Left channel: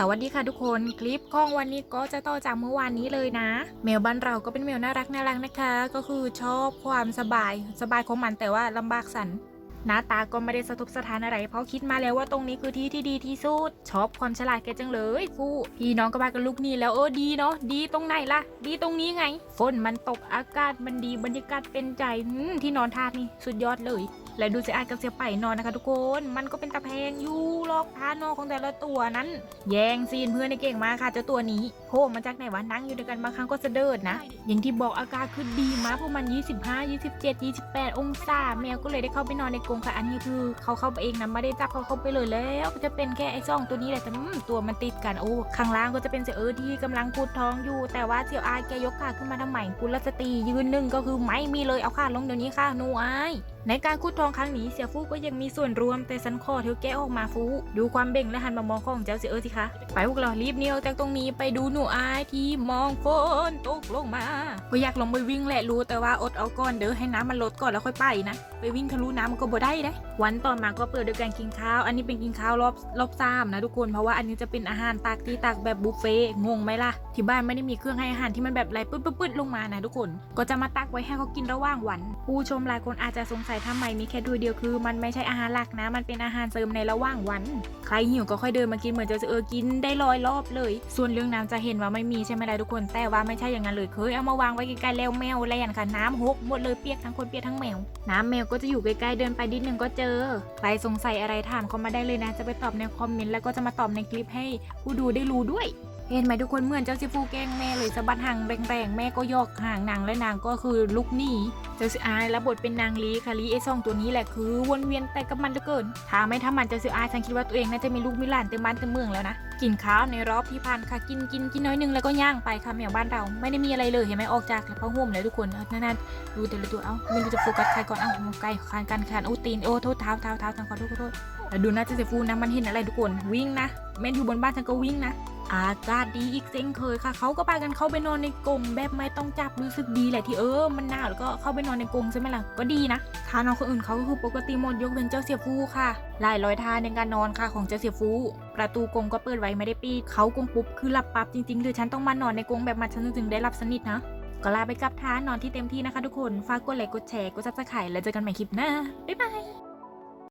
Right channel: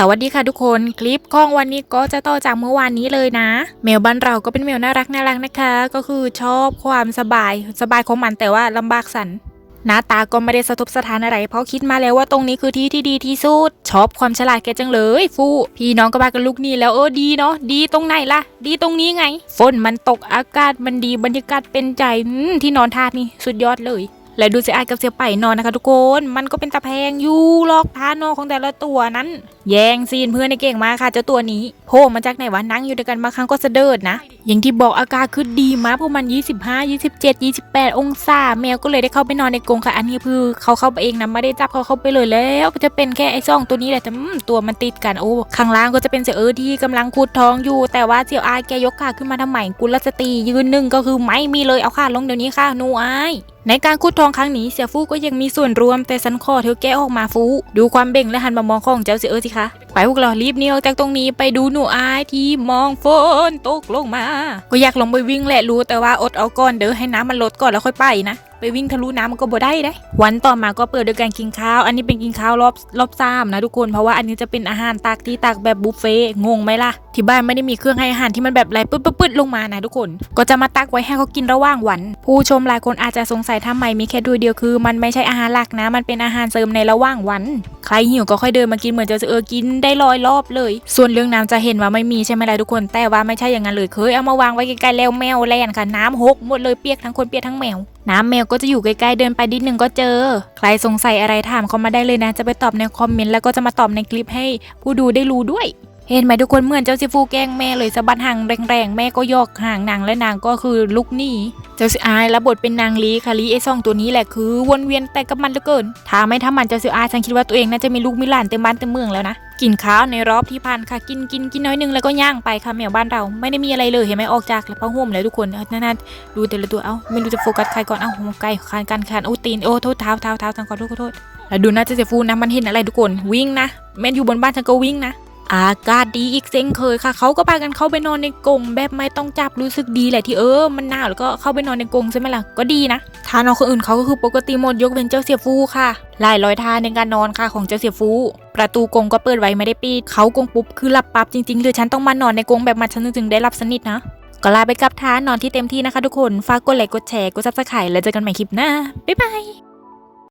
สวัสดีค่ะทุกคนคลิปของวันนี้ก็จะต่อจากเมื่อวานนี้เลยนะ แมวบ้านเราก็เป็นแมวน่ารักน่ารักนะคะ ก็คือชอบความสบายสบายของมันแต่ว่าลำบากสันหน้าตาก็ไม่ได้สะทบสถานอะไร เพราะคิดมาแล้วว่าตรงนี้คือที่ที่ดีที่สุดชอบความฉลาดแกจังเลยฟูพี่น้องก็มากันลูกนี่แล้วเออดีเนาะดีตรงไหนล่ะ ดีตรงนี้ไง ฝนมันตกอากาศมันดีบรรยากาศเป็นใจอืมที่นอนทาดนี่สุดยอดเลย และดูเสียอายกับเสียไปนอนนะคะ ทุกคนมันก็เป็นตะแพงอยู่ลอกท่านอนของแต่ละตัวนั้น แย่งซีนเพื่อนในเก่งมาค่ะเจ้าตัวนี้โผล่มาจากไหนวะนั่งอยู่ด้วยกันบางครั้งก็เสะเดิดนะ อย่างที่บอกอากาศคือดีมากเพราะมัน 25 27 28 องศา แมวก็เลยได้เข้าไปนอนในกรงค่ะ อันนี้คือเขาเข้าไปเองนะไม่ได้จับเขาเข้าไปเลยแล้วก็จะเป็นแค่ไอ้ซ่องตัวนี้แหละแต่ตัวมันติดกันโอ้ข้างล่างก็จะเป็นเสียเออที่กำลังขุดทองอยู่ แต่ว่าเสี่ยวอายแกยกขาขึ้นมาทำไมกุลสตรียืนหนึ่งก็คือไม่มีเลยเอาขาลงเดี๋ยวนี้ค่ะนูอายในการขุดทองครั้งนี้เสียฟูก็ยังมีส่วนรวมแต่สันคอเธอแกออกมาฟู ดูความเบ่งและหันมามองของเจ้าเสียเออสิคะ ไปพวกเรารีบหนี่ออกจากตรงนี้ไปดูหนูอายที่มองฝนตกลงมา ก็อยากลงไปวิ่งแหละรู้แต่ว่าอดเอาก่อนเด้อให้น้ำมันลดก่อนแล้วค่อยไปนะไปวิ่งทะลุน้ำมันก็บ่ได้ได้ วันต่อมาก็เปิดด้วยการกินข้าว อันนี้เป็นกินข้าวรอบรอบสามนะทุกคน เพราะว่าอันนี้จะเป็นอาหารตักที่ตักแบบบุฟเฟ่งงไหมล่ะ ที่บ้านไม่ได้มีเครื่องให้อาหารที่มันแบบไหลปึ๊ดปึ๊ดลงมานะทุกคน ก็จะมาตักไว้ให้เขากินระหว่างวัน ผู้ชมหลายคนอาจจะสงสัยทำไมมีแค่ถ้วยเดียวคือ มันไม่ใช่อาหารหลักนะ มันเป็นอาหารเสริมในระหว่างวัน ใครหิวก็ค่อยเดินมากินเหมือนจะเออกินได้ร้อยรอบเลย ส่วนเรื่องน้ำจะเห็นว่าไม่มีใช่ไหมล่ะทุกคน แต่ว่าไม่ใช่อย่างนั้นเลยเคยเอามาวางไว้ใกล้ๆแล้วแมวแล่นค่ะน้ำหกหมดเลยเปียกทั้งคนเปียกทั้งแมว น้ำแมวก็จะอยู่ใกล้ๆเดินไปนิดนึงก็เจอ ใครสงสัยอะไรถามเขามาได้เลยนะ จะไปตอบในคอมเมนต์แล้วก็จะมาตอบในคลิปให้ผู้ดูได้รู้ด้วย เห็นไหมทุกคนเหมือนเจ้าซิฟูแกล้งแม่เลยสะบัดหางแรงๆแม่ก็ยอกหางนางและนางก็คือลุกหนีเจ้าซิอายรับบทเป็นนางลีค่ะลีไอซองตัวนี้แหละคือวนเวียนแต่กับมันเหลือเกินถ้าไม่ทำมันเจ้าซิอายฉันคิดว่าตัวเองน่าจะมีลูกมีหลานเต็มบ้านเต็มเมืองแล้วนะกินข้าวในรอบที่ผ่านค่ะกินกินกินน้อยนึงแล้วก็ย่างไปค่ะแมวบ้านเราไม่ได้มีอะไรเลยเห็นไหมออกจากผ้าห่มแล้วทุกคนนั่นๆดูแต่ละตัวเอ้าไม่รู้จะโฟกัสใครก่อนเอ้าไก่คานกันคานโอ้ตีนโอ้โทษเท้าเท้าเท้าทางขอโทษขอโทษแล้วดูนะเจเจฟูนะมันเห็นอะไรทุกคนวิ่งนะแม่อยู่บนบ้านฉันก็วิ่งนะ อากาศดีอีกเช่นเคยค่ะ เขาก็พากันเข้าไปนอนในกรงแบบไม่ต้องจับรู้สึกดีแหละที่เออ มันหนาวแล้วก็เข้าไปนอนในกรงใช่ไหมล่ะ ก็ดีนะทานอนคนอื่นเขาก็คือปกติหมดยกเว้นเจ้าเสียฟูค่ะหลายร้อยทานในการนอนค่ะของเจ้าเสียฟู ประตูกรงก็เปิดไว้ไม่ได้ปิดเขากรงปุ๊บคือหลับปั๊บจริงๆเลยฉันต้องมานอนในกรงแบบมันฉันถึงได้หลับสนิทนะก็ลาไปกับทานนอนที่เต็มที่นะคะทุกคน ฝากกดไลค์กดแชร์กดซับสไครต์แล้วเจอกันใหม่คลิปหน้าบ๊ายบาย